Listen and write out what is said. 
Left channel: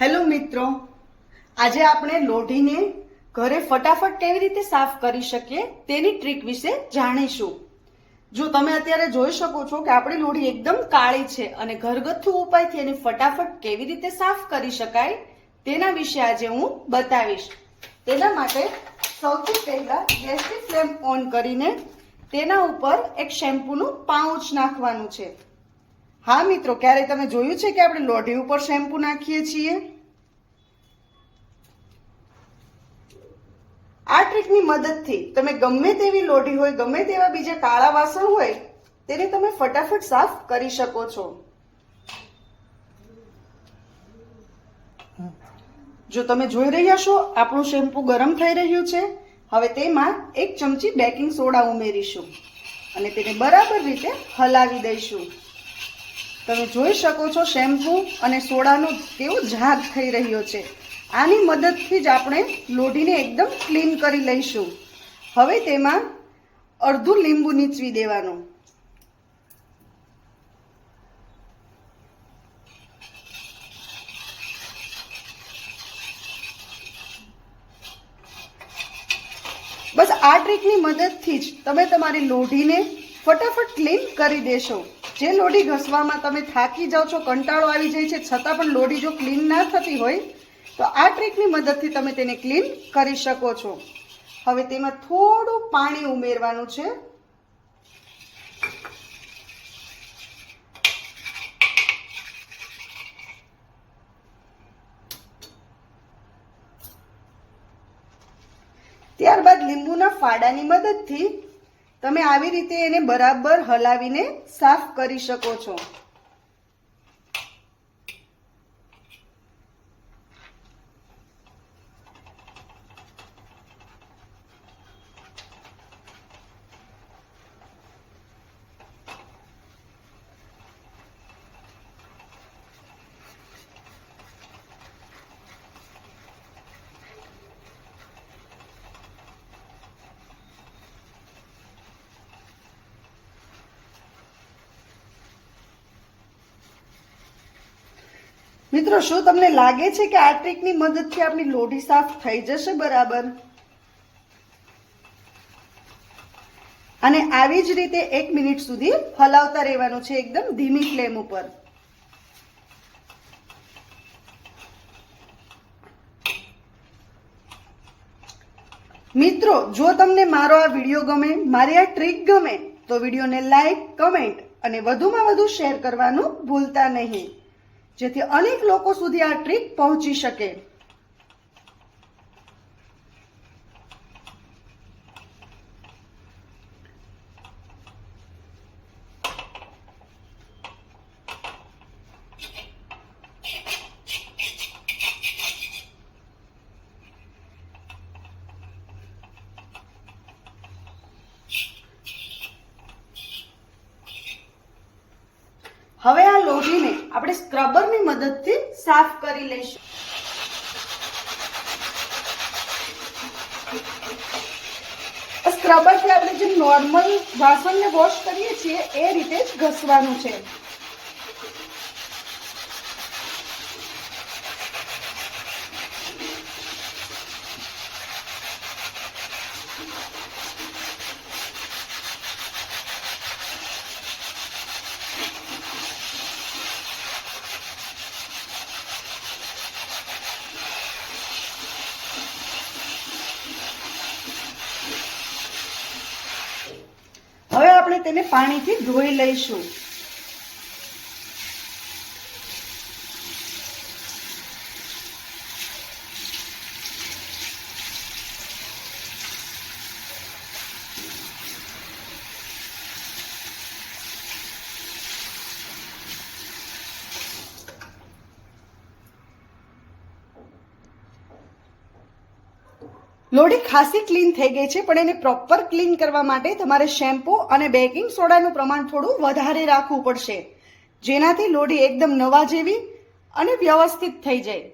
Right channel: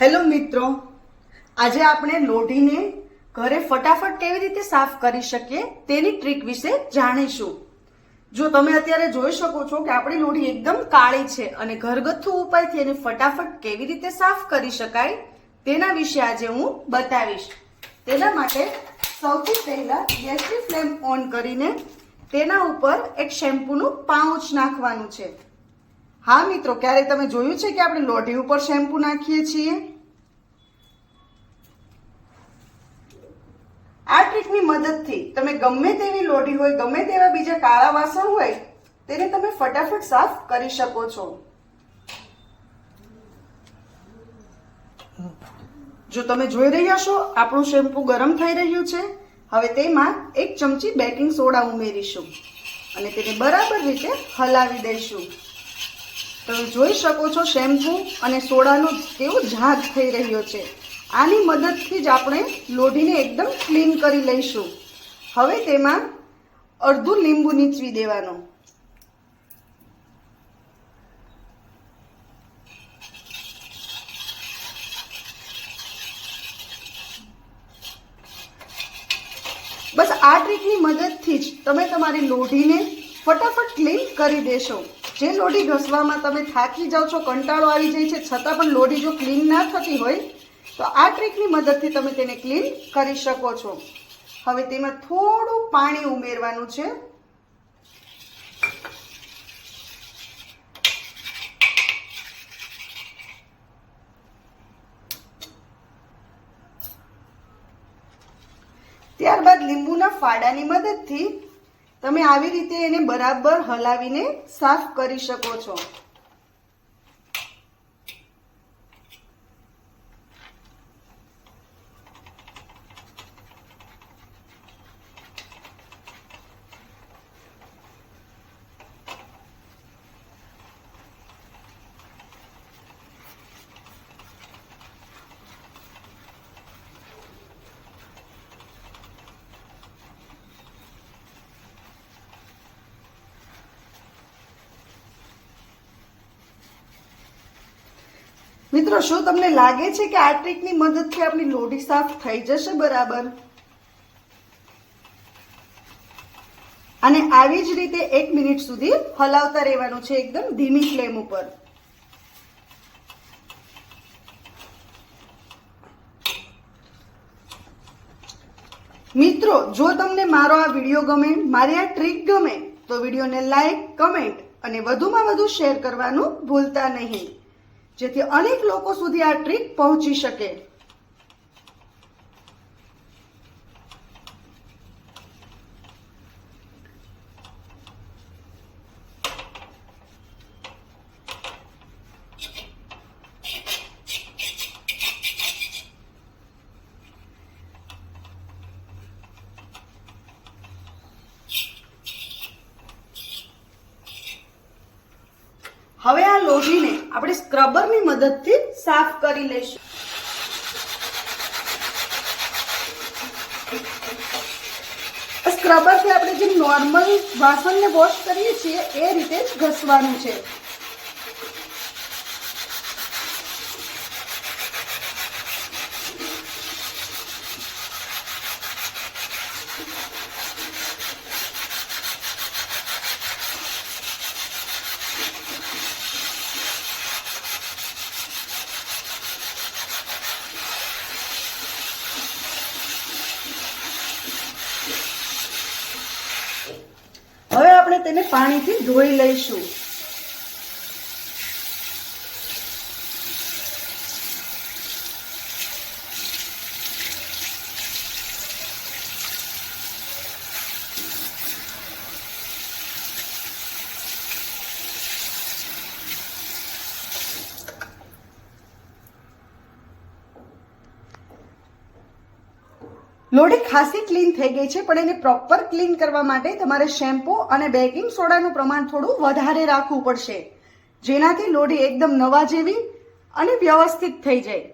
Hello મિત્રો, આજે આપણે લોઢીને ઘરે ફટાફટ કેવી રીતે સાફ કરી શકીએ તેની ટ્રીક વિશે જાણીશું. જો તમે અત્યારે જોઈ શકો છો કે આપણી લોઢી એકદમ કાળી છે અને ઘરગથ્થુ ઉપાયથી એને ફટાફટ કેવી રીતે સાફ કરી શકાય તેના વિશે આજે હું બતાવીશ. તેના માટે સૌથી પહેલા ગેસની ફ્લેમ ઓન કરીને તેના ઉપર એક શેમ્પૂનું પાઉચ નાખવાનું છે. હા, મિત્રો, ક્યારેય તમે જોયું છે કે આપણે લોઢી ઉપર શેમ્પુ નાખીએ છીએ? આ ટ્રીકની મદદથી તમે ગમે તેવી લોઢી હોય, ગમે તેવા બીજા કાળા વાસણ હોય, તેને તમે ફટાફટ સાફ કરી શકો છો. જો તમે જોઈ રહ્યા છો, આપણું શેમ્પુ ગરમ થઈ રહ્યું છે, હવે તેમાં એક ચમચી બેકિંગ સોડા ઉમેરીશું અને તેને બરાબર રીતે હલાવી દઈશું. તમે જોઈ શકો છો શેમ્પુ અને સોડાનો કેવો ઝાગ થઈ રહ્યો છે. આની મદદથી જ આપણે લોઢીને એકદમ ક્લીન કરી લઈશું. હવે તેમાં અડધું લીંબુ નીચવી દેવાનું. બસ આ ટ્રીકની મદદથી જ તમે તમારી લોઢીને ફટાફટ ક્લીન કરી દેશો. જે લોઢી ઘસવામાં તમે થાકી જાઓ છો, કંટાળો આવી જાય છે, છતાં પણ લોઢી જો ક્લીન ના થતી હોય, તો આ ટ્રીકની મદદથી તમે તેને ક્લીન કરી શકો છો. હવે તેમાં થોડું પાણી ઉમેરવાનું છે. ત્યારબાદ લીંબુના ફાડાની મદદથી તમે આવી રીતે એને બરાબર હલાવીને સાફ કરી શકો છો. મિત્રો, શું તમને લાગે છે કે આ ટ્રીકની મદદથી આપણી લોઢી સાફ થઈ જશે બરાબર? અને આવી જ રીતે એક મિનિટ સુધી હલાવતા રહેવાનું છે એકદમ ધીમી ફ્લેમ ઉપર. મિત્રો, જો તમને મારો આ વીડિયો ગમે, મારી આ ટ્રીક ગમે, તો વિડીયોને લાઈક, કમેન્ટ અને વધુમાં વધુ શેર કરવાનું ભૂલતા નહીં. જેથી અનેક લોકો સુધી આ ટ્રીક પહોંચી શકે. હવે આ લોહીને આપણે સ્ક્રબરની મદદથી સાફ કરી લઈશું. સ્ક્રબરથી આપણે જે નોર્મલ વાસણને વોશ કરીએ છીએ, એ રીતે જ ઘસવાનું છે હવે આપણે તેને પાણીથી ધોઈ લઈશું. લોઢી ખાસી ક્લીન થઈ ગઈ છે, પણ એને પ્રોપર ક્લીન કરવા માટે તમારે શેમ્પૂ અને બેકિંગ સોડાનું પ્રમાણ થોડું વધારે રાખવું પડશે. જેનાથી લોડી એકદમ નવા જેવી અને વ્યવસ્થિત થઈ જાય.